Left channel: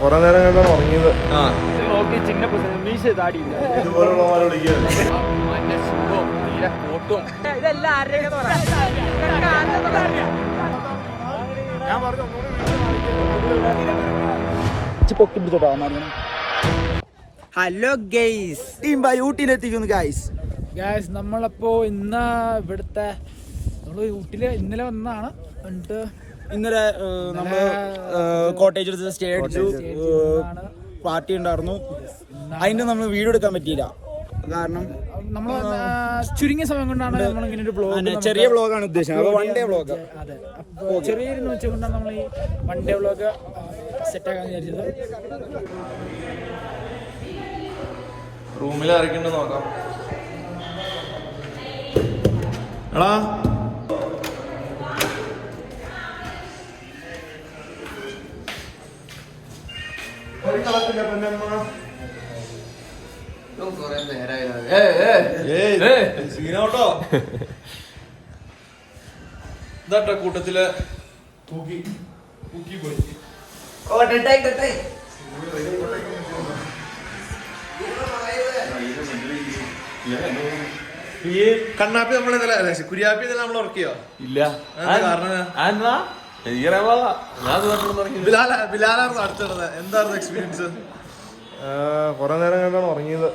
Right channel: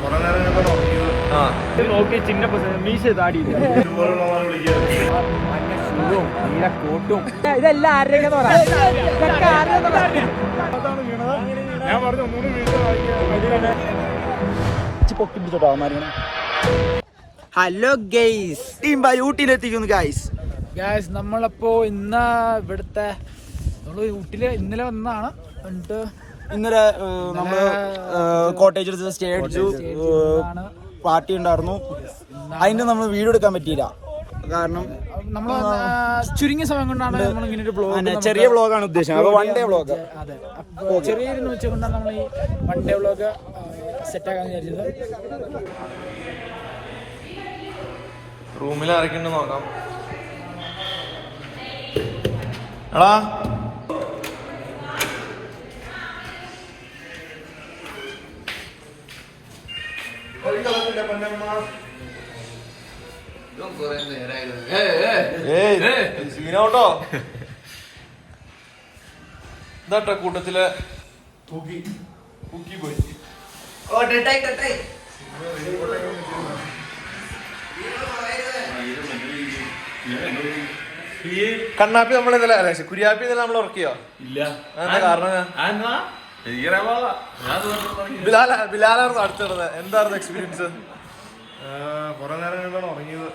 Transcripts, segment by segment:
കുറെ നേരം ഉറങ്ങിയത്. ഹലോ ഗൈസ്, ടീം ബൈ ഊട്ടിയിലെത്തിക്കുന്നു ഗൈസ്. നമ്മളപ്പോ ഇന്ന് ഇവിടുത്തെ നമ്മള് ഊട്ടിയില് ഇന്നലെ വന്നതാണ്. എന്നിട്ട് ഇന്നലെ നമ്മള് കോട്ടേജ് സ്റ്റേ അടിച്ചു, പാർട്ടി ഉണ്ടായിരുന്നു. അതിന്റെ നമ്മൾ വീഡിയോ എടുക്കാൻ പറ്റിയില്ല, കാരണം നമ്മള് ചുരുങ്ങിയ സമയം കൊണ്ടാണ് നമ്മൾ ഇങ്ങനെ ഒരു ബ്ലോഗ്, ചെറിയ വ്ളോഗാണ് ഉദ്ദേശിച്ചത്, വൺ ഡേ വ്ളോഗ്. അതെ, അപ്പൊ ചെറിയൊരു വെച്ചുകൊണ്ടാണ് നമ്മൾ ഈ വൺ ഡേ വ്ളോഗ് സെറ്റ് ആക്കാന്ന് വിചാരിച്ചത്. റൂമിൽ ആരൊക്കെയുണ്ട് നോക്കാം. എടാ സീനോട്ടോ ഇതാട്ടോ കൂട്ടത്തില് പോയി. കണ്ണാപ്പി നമ്മളെന്നല്ല, കുര്യാപ്പി എന്നല്ല നമ്മൾ ഉറക്കിയോ? ഇല്ല. എന്താ കാരണം? ബിലാലായിരുന്നു അടുത്തിടുന്നത്. എന്തായിരുന്നു എക്സ്പീരിയൻസ്? കൊറേ നേരം ഉറങ്ങിയത്.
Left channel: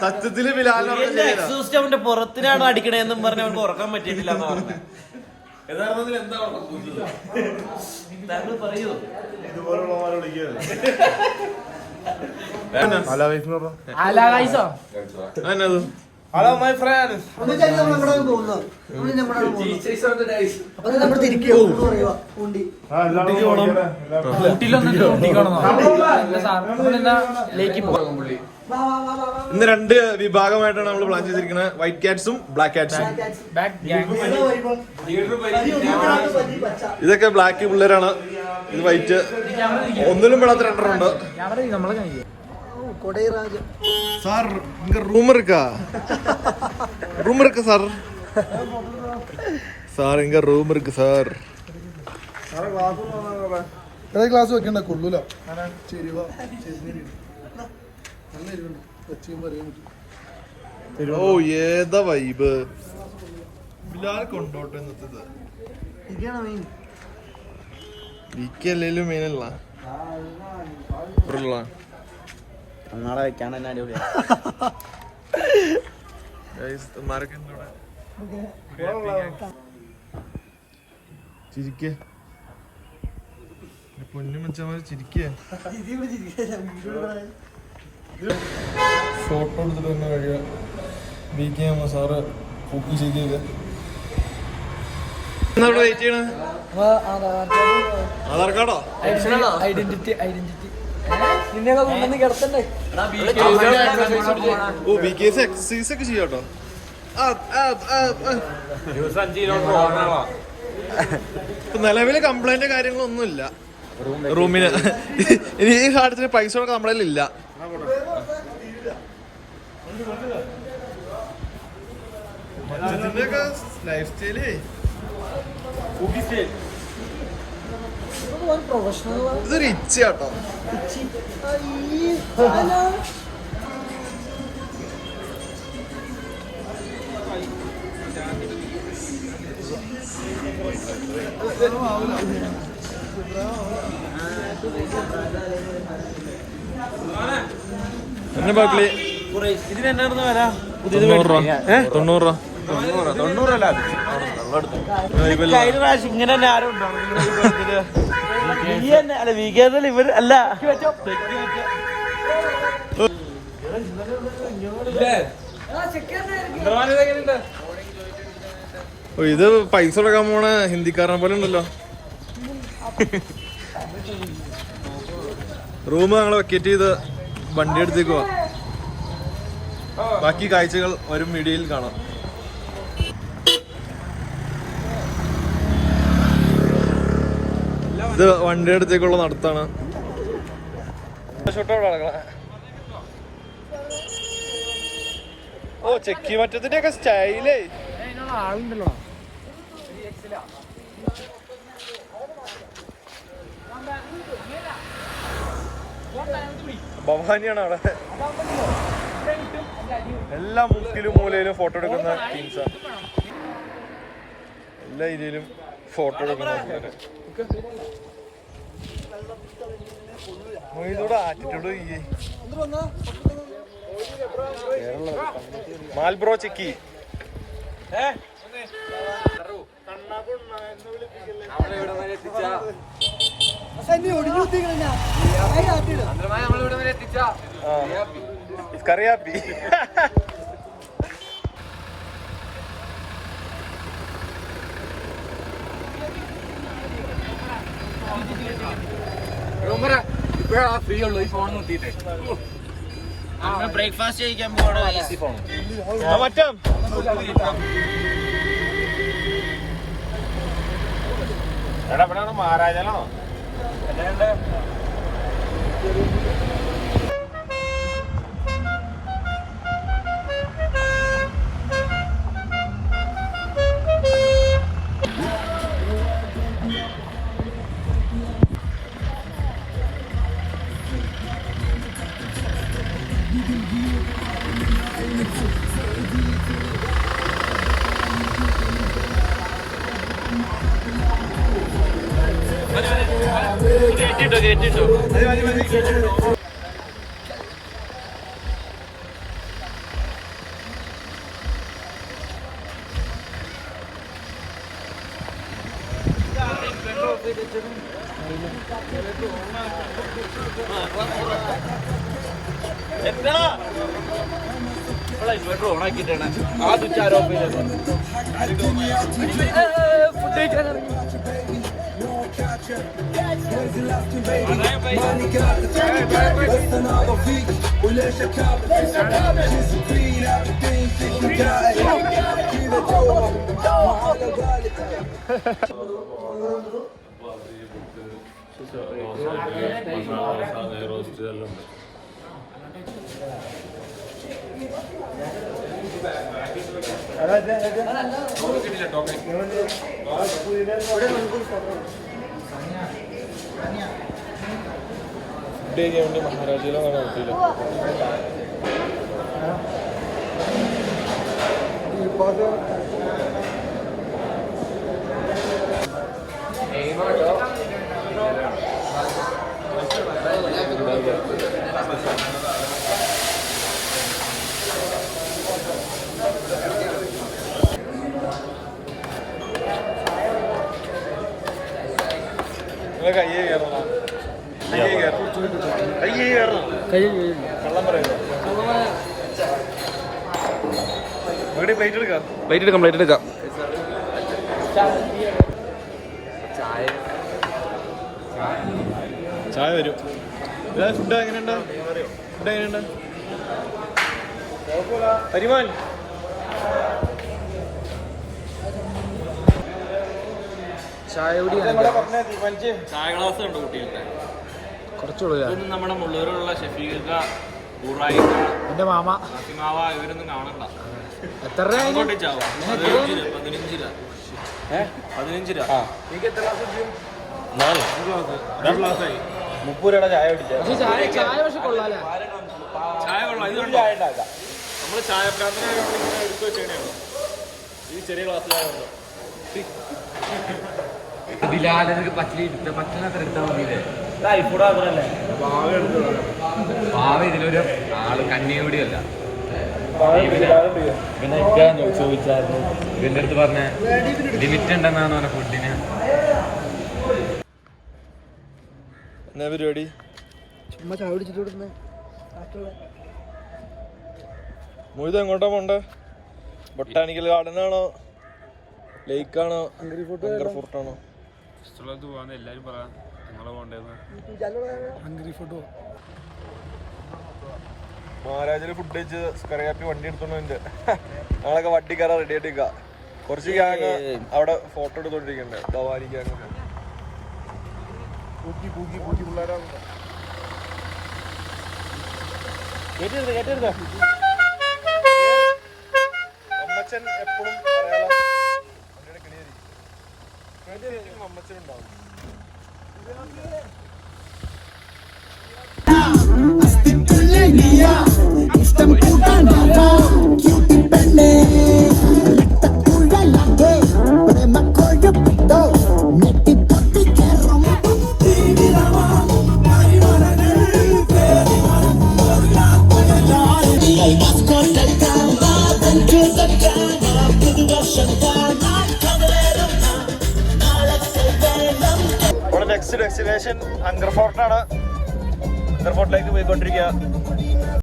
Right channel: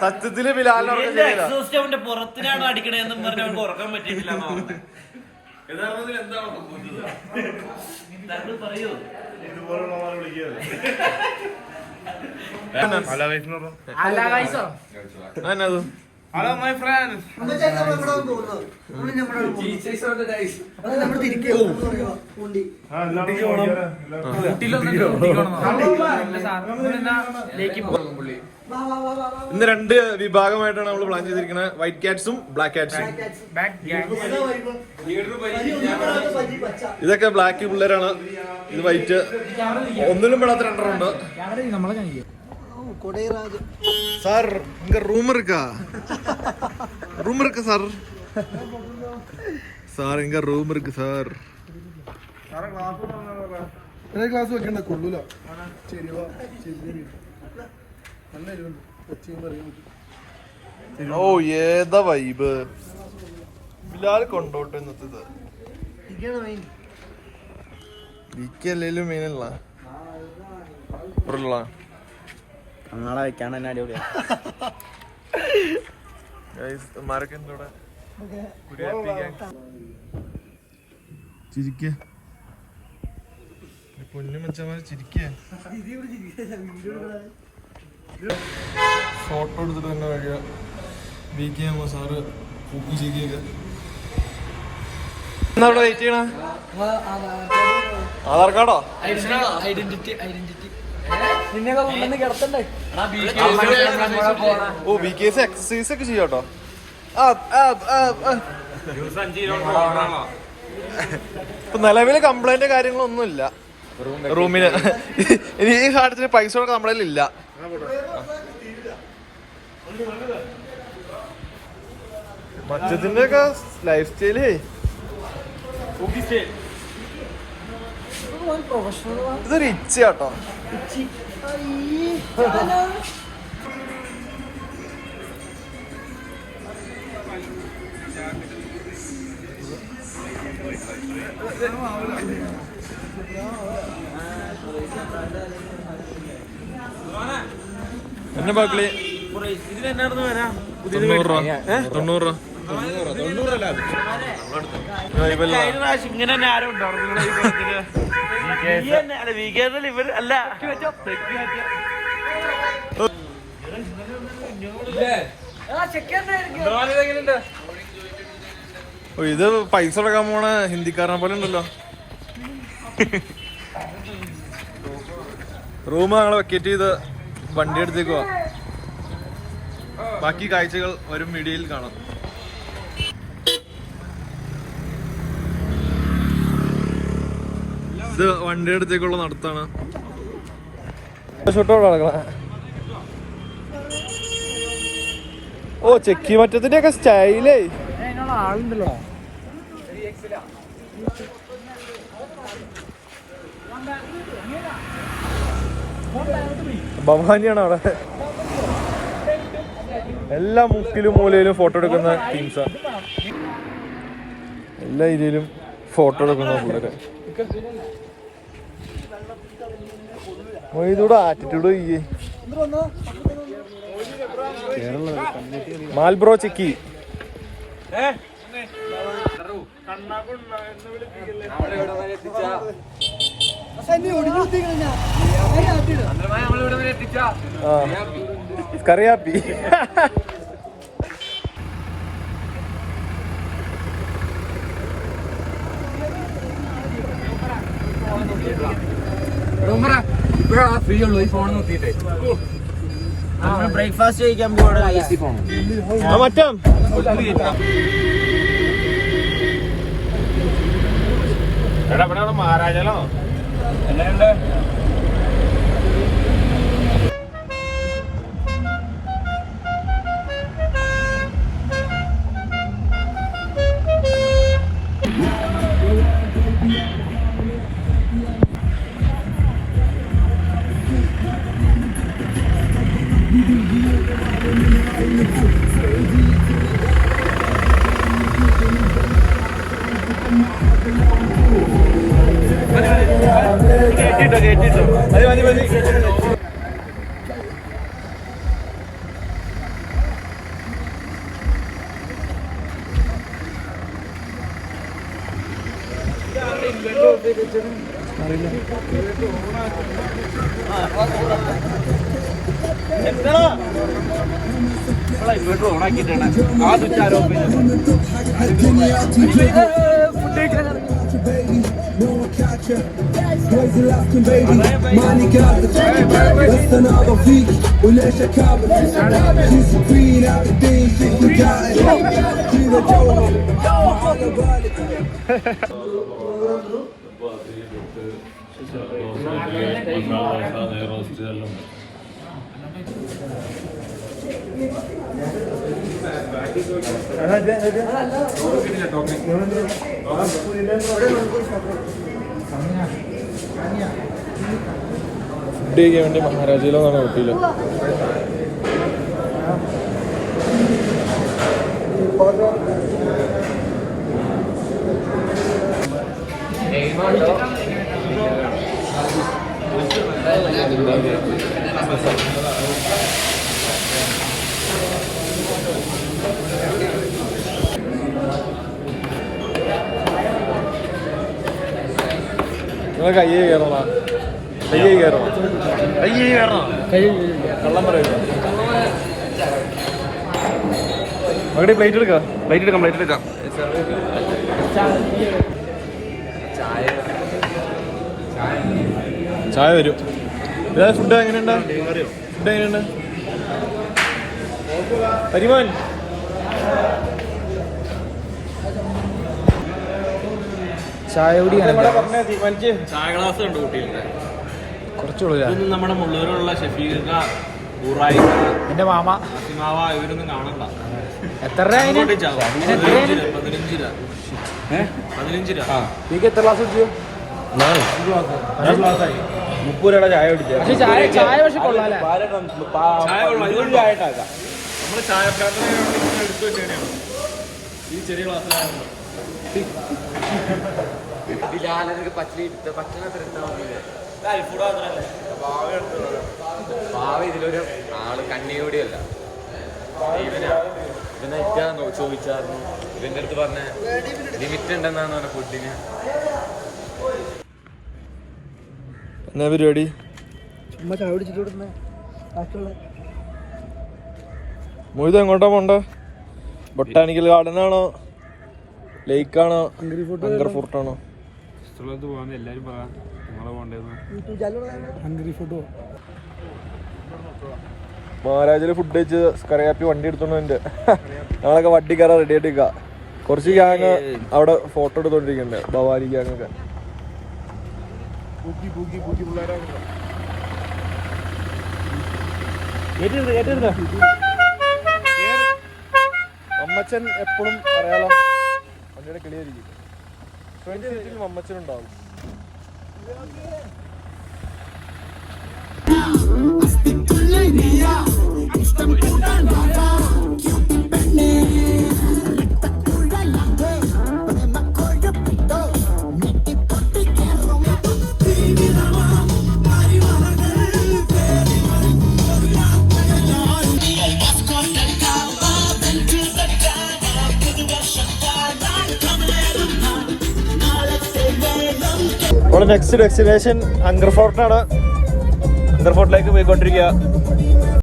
സത്യത്തില് ബിലാലിന്റെ പുറത്തിനാണ് അടിക്കണേന്നും പറഞ്ഞ അവർക്ക് ഉറക്കാൻ പറ്റിയിട്ടില്ല. പറയൂ, ഇതുപോലുള്ള വിളിക്കുകയല്ല. Hello my friends. ഇന്ന് രണ്ട് വിഭാഗമായിട്ടാണ് നമ്മൾ പ്ലാൻ ചെയ്തിരിക്കുന്നത്, വൈറ്റ് കാറ്റ്സും ബ്ലാക്ക് കാറ്റ്സും. ഇതൊക്കെ ബ്ലാക്ക് പിള്ളേരാണ്, ഇത് വൈറ്റ്. ഒന്നിലും പെടാത്ത രണ്ടെണ്ണമുണ്ട്. സാർ ഇങ്ങ റൂം இருக்கா? റൂം இருக்கு സാർ. സാർ ഇങ്ങ റൂം இருக்கு സാർ. ക്ലാസ് വെക്കണ്ട, കൊള്ളൂല. ഓ ഏതാ വൈബ്. ബിലാൽ കൊണ്ടോട്ടെ ഇന്നത്തേത്. അല്ലേലും മെയിനല്ല നാളെ വെക്കാണ്. ചിരിക്കേ പൊന്നു മച്ചമാര്, ചിരിക്കേ. ഫോട്ടോ എടുത്തിട്ട് തന്നെ കഴിയുക. B K M sir cook ചെയ്ത് അവിടെ വെയിറ്റ് ചെയ്യണ. ആധാർ കാർഡോ? ഐഡന്റിറ്റി. ഓ ബി കെ എസ് എക്സസൈസ് ഒക്കെ ചെയ്യാട്ടോ. ഇപ്പൊ നിലവില് കംപ്ലൈന്റ് കാര്യങ്ങളൊന്നുമില്ല റൂമിന്. ഇനി ഈ കാര്യത്തിന് പൈസ കൊടുക്കാൻ നമ്മളതിലില്ല. മറ്റത്തിന്റെ ഒക്കെ ലൈഫ് സ്റ്റൈലേ ഇതൊരു ഇച്ചയാട്ടോ. എന്നെ ബാക്കില് 90 രൂപ. ഇങ്ങനെ ആരും ഇവർ അല്ല. ഇത് പൈസ കൊടുക്കാൻ പോണ ഹിന്ദിക്കാരനെ പോലെ ഉണ്ടല്ലോ. റൂം ഞങ്ങള് വെക്കേറ്റ് ചെയ്ത് വണ്ടി എടുത്തേക്കുവാ. ബാക്കി കാഴ്ചകൾ വരും വീഡിയോയിൽ കാണാം. ഇത് വണ്ടി അടുത്തേക്കുള്ള നടത്താണ്. ഷൂട്ടോടെ നടക്കണ. ഓ ചെക്കി മറ്റത്തിന്റെ ഒക്കെ സ്റ്റൈലേ. ഭവാനിയാണ് അവിടെ. എല്ലാ മുക്കിലും മൂലയിലും ഫോട്ടോ എടുക്കുന്ന ടീംസാ. എല്ലാ ഏരിയയിലും ഫോട്ടോ എടുക്കുന്ന പിള്ളേര്. മൊയ്തൂടെ ആറ്റിറ്റ്യൂഡ് ചെയ്യേ. മാൽബ്രോ ചിക്കി. കറിയാപ്പി. ഫ്രീ ഉള്ളൂ ഈ ഫോൺ നോക്കിയിട്ട്. ബ്രേക്ക്ഫാസ്റ്റ് കഴിക്കാൻ പോകണം. മറ്റം മഹാരാജാലോ എല്ലാം കേട്ടിട്ടോ. ഫുഡ് കഴിക്കാൻ വേണ്ടി മഹാരാജയിലെന്നാണ് ഊട്ടിയില്. കയ്യേ കയറണം, കയ്യേ കയറണം, കയ്യേ കയറണം, കള്ളം പറയുന്നു. അവിടെ പ്ലേറ്റ് എടുക്കാം, പ്ലേറ്റ് എടുക്കാം, പ്ലേറ്റ് എടുക്കാം. ചായ വരും. ഇതാ ഫുഡ് എങ്ങനെയുണ്ട്? ഫുഡ് എങ്ങനെയുണ്ട്? പരിമാൻ ചായ കുടിയാണ് ചായ ഗ്ലാസ് ഉണ്ട് കുട്ടികളുടെ. കുറച്ചുള്ളൂ. നമ്മുടെ മുള്ളൂരിലുള്ള ഷഫീഖ, ഊറായി, എന്റെ മാമ, ഇവരൊന്നും കാണണ്ട. എത്ര രൂപ? 15 രൂപ. 15 രൂപ. എത്ര ഗ്ലാസ് കുടിച്ചു? 30 രൂപയുടെ ചായ കുടിച്ചത്. പക്ഷെ ചായ പക്ഷെ കൊള്ളാല്ലേ? ചായ കൊള്ളാം. ഇതുകൊണ്ട് ആയിട്ടാക്കാം. നമ്മള് ചായ പ്രാന്തം എടുത്തു വെച്ചാണ് ഈ ചെറിയ ഗ്ലാസ്സിലാണ്. ഇതിലൊരു ആള് കണ്ണിയൂടിയല്ല. ഇവനെ ചോദിച്ചായിരുന്നു. ഇവന്റെ അടുത്ത് പറഞ്ഞ ലിമിറ്റ് ഉണ്ടെന്നാണ് പറഞ്ഞ ഫുഡിന്. എന്നാ പരിപാടി? ചുമ്മാ ചായ പിടിച്ചിട്ട് മൊയ്ത് എങ്ങോട്ടാ പോണ്ടേ? ബൊട്ടാനിക്കൽ ഗാർഡൻ ആണോ, ലേക്കാണോ, ഹങ്കർ ഫോർട്ടാണോ? മഹാരാജില് ഫുഡ് കഴിച്ച് കറിയാപ്പി വണ്ടി എടുത്തോണ്ട് ഞങ്ങളൊക്കെ വണ്ടി കയറാൻ റെഡി ആയിട്ട് നിൽക്കാം. കുറച്ച് ഗ്യാങ് അവിടെ ഫോട്ടോ എടുത്തോണ്ടിരിക്കണ്ടേ, ഭവാനി ഗ്യാങ്ങൊക്കെ. അമ്മച്ചൻ എപ്പോഴും പറയാലോ വണ്ടിയുടെ കിളിയായിരിക്കും. ഫ്രണ്ട് സീറ്റിൽ മമ്മച്ചനുണ്ടാവും. നമ്മുടെ നെക്സ്റ്റ് ഡെസ്റ്റിനേഷൻ അങ്കർ ഫോർട്ടാണ്. അങ്കർ ഫോർട്ടിലേക്ക് പോയിക്കൊണ്ടിരിക്കുക.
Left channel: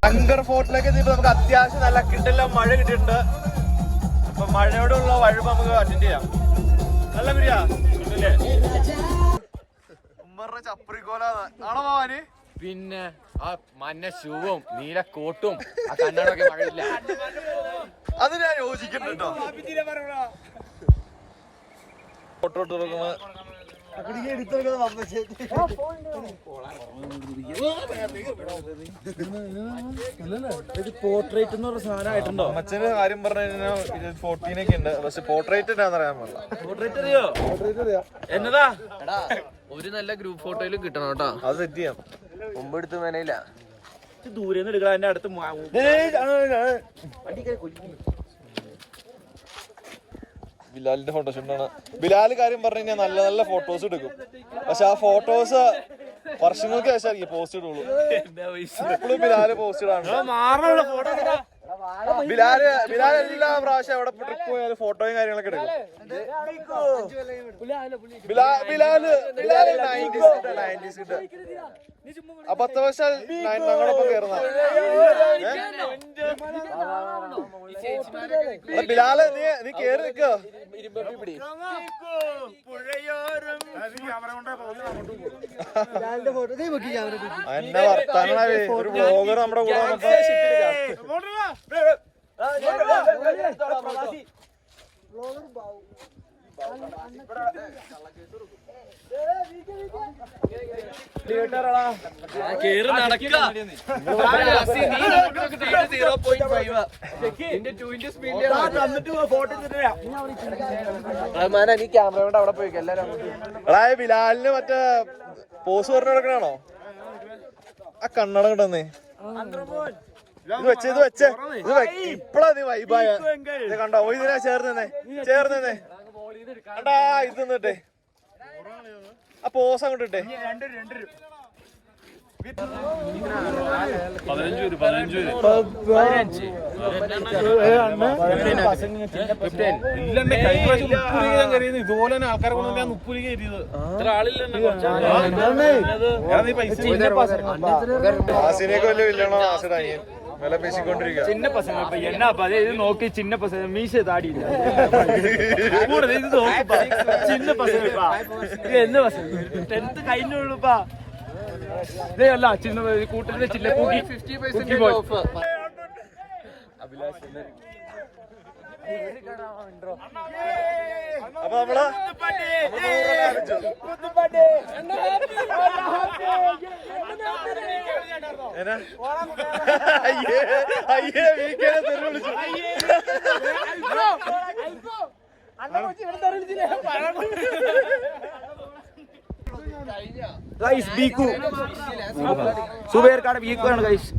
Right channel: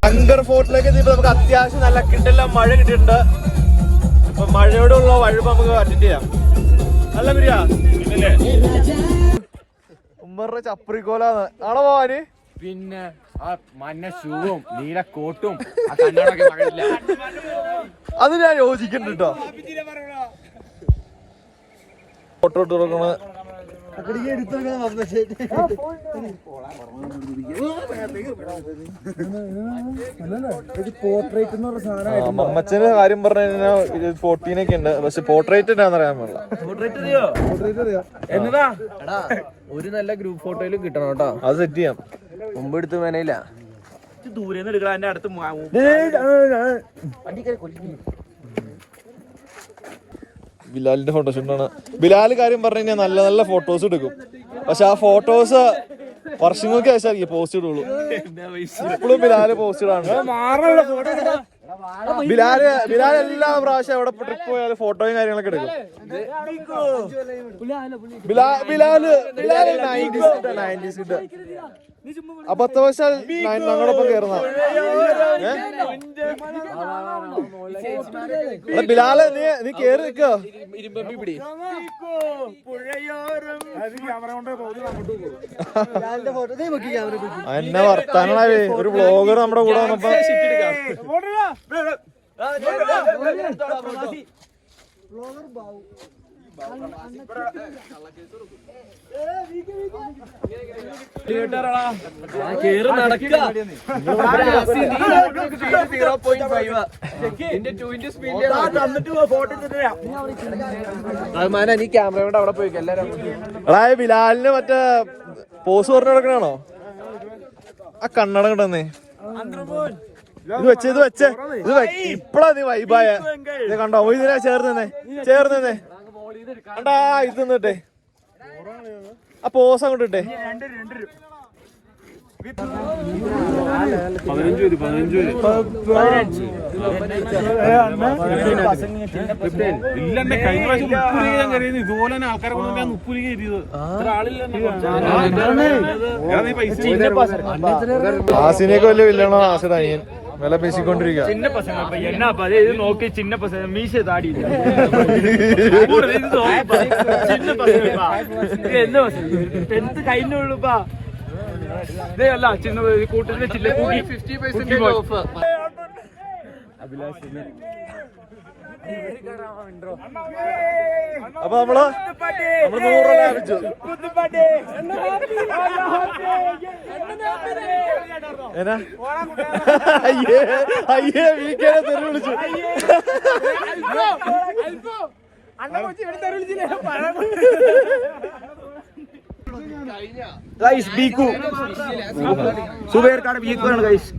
അങ്കർ ഫോർട്ടിലേക്ക് എത്തിയപ്പോൾ നമുക്ക് അത്യാവശ്യം നല്ല കിട്ടെല്ലാം മഴ കിട്ടിയിട്ടുണ്ട്. അപ്പൊ മഴയോടുള്ള വഴുപ്പ് നമുക്ക് അറ്റൻഡ് ചെയ്യാം. നല്ല ബിരിയാ ഉമ്മറിന്റെ ചപ്രിക്കോലാന്ന് ആണോ പോവാന്? പിന്നെ ആ മഞ്ഞ ഷൂവും നീല കോട്ടും അത് ഞാൻ യോജിക്കുന്നുണ്ട് കേട്ടോ. ഫോട്ടോ ഇട്ട് കൊടുക്കണ പോർട്രേറ്റ് എന്ന് പറഞ്ഞ സാധനം അമ്മച്ചന്റെ കാര്യം പറഞ്ഞു കഴിഞ്ഞാൽ ഇത് 14 ഉണ്ട്. പക്ഷെ പോർട്രേറ്റ് എന്നാന്ന് അറിയാൻ പാടില്ല. എന്നതാ ഒരു നല്ല ഗ്രൂപ്പ് ഫോട്ടോയിലും കിട്ടണം കേട്ടോ. അത് സെറ്റ് ചെയ്യാം. മുമ്പ് എടുത്ത് വേനയില്ല ദൂരെ നിന്ന് എടുക്കണം. എന്റെ അടുത്ത് ബിലാലിന്റെ ഫോട്ടോഷൂട്ടാണ്. ബിലാല് കാര്യം പറഞ്ഞു കഴിഞ്ഞാൽ നല്ല നല്ല ഫോട്ടോസ് എടുക്കും. പക്ഷെ ആ ഫോട്ടോസ് വർഷങ്ങൾക്ക് ശേഷം പോസ്റ്റ് ഇടുള്ളൂ. ഇപ്പോഴും ബിലാല് പോസ്റ്റ് ഇടാണ്. ബിലാല് എല്ലാ പ്രാവശ്യം എവിടെ ട്രിപ്പ് പോയാലും ഫോട്ടോയും കാര്യങ്ങളൊക്കെ എടുക്കും. ബിലാല് 90s കിട്ട അബദ്ധവശാൽ ഞങ്ങളൊപ്പം കയറുന്ന ബിലാല് നീ കേറി നിൽക്കോ. എന്നെ വർത്താനാവേ ഒരു വ്ളോഗർ നമ്മുടെ കൂടെ വന്നപ്പോ ബിലാലിന് മറ്റേ പോസ് പറഞ്ഞു കൊടുക്കണാണോ? ആ കണ്ണട കിട്ടന്നേ. ഇത് വെച്ചേ ഇപ്പഴാ നീ വൈബായ കണ്ടോ? ഇതിനാ ചേർന്നേ കണ്ടാ. ഇത് നിന്നിട്ടെ ആ പോസ് അങ്ങോട്ട് ഇട്ടേ. ഇതുപോലെ ആൾക്കാരെ ആസിനെയൊക്കെ വലിയ വില്ലണോ? ആസിഡ് അനിയൻ വില പേശിക്കൊണ്ടിരിക്കുക. சின்ன பசங்க என்ன இது நோக்கி சின்ன பசங்க மீசை தாடி சின்ன பசங்க என்ன பசங்க 10th കഴിഞ്ഞുള്ളൂപ്പാ. ഇതേ അല്ല ചിന്ന കൂട്ടത്തിലെ ചില്ല കൂട്ടി 50% ഓഫ്. അഭിലാഷ് അപ്പൊ നമ്മള് 100 രൂപ ലാഭിച്ചു. ഏനാ അയ്യേ വീക്കേനെ തെറി വിളിച്ചു. ഗൈസ് ബീക്കു സുബൈർക്കാണ് ബീക്കു ആണ് ഗൈസ്.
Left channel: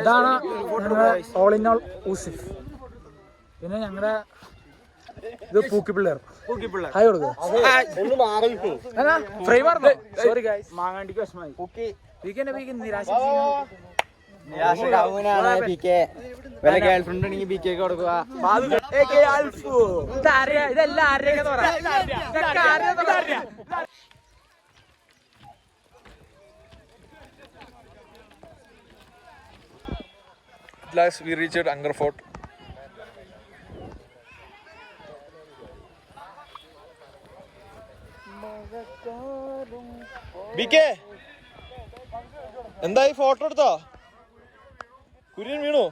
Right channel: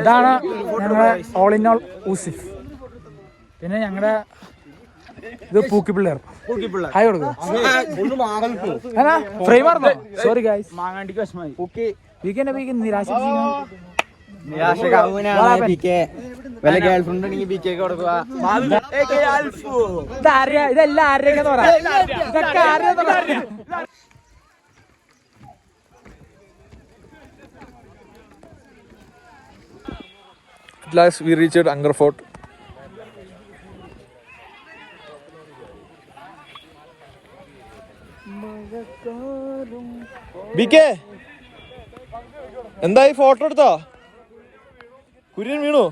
ഇതാണ് ഞങ്ങളുടെ ഓൾ ഇൻ ഓൾ ഊസിഫ്. പിന്നെ ഞങ്ങളുടെ ഇത് പൂക്കി പിള്ളേർ. ഹായ് കൊടുക്കുക. ഫ്രെയിം ആർന്നോ? Sorry guys. മാങ്ങാണ്ടിക്ക് വിഷമായി. വീക്കെൻഡ് നിരാശിച്ചിരിക്കുന്നു. ഇതെല്ലാം ആരുടെയൊക്കെ തോറ. ഇതൊക്കെ ആരുടെ തോറ. At last we reached Angkor Fort. BK എന്തായി? ഫോട്ടോ എടുത്തോ? കുര്യൻ വീണു?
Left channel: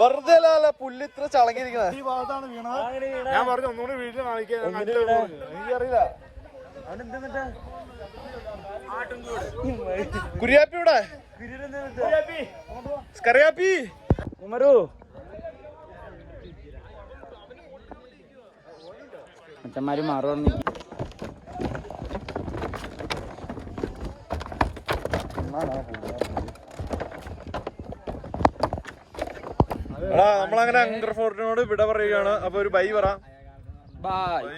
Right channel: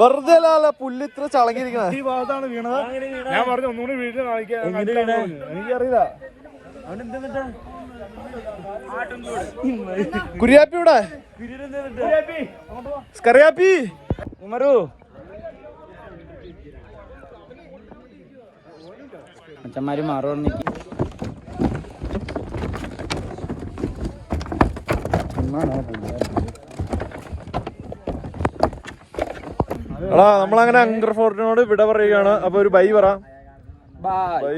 വെറുതെ അല്ല പുല്ല് ഇത്ര ചളങ്ങിയിരിക്കണ. ഞാൻ പറഞ്ഞു ഒന്നുകൂടി വീട്ടിൽ എനിക്കറിയില്ല. കുര്യാപ്പി ഇവിടെ സ്കറിയാപ്പി അച്ഛന്മാര് മാറുവാണ് നിൽക്കി എടാ നമ്മളങ്ങനെ അങ്കർ ഫോർട്ടിനോട് വിട പറയുകയാണ്. അപ്പൊ ഒരു ബൈ പറ. ബൈ. ബൈ.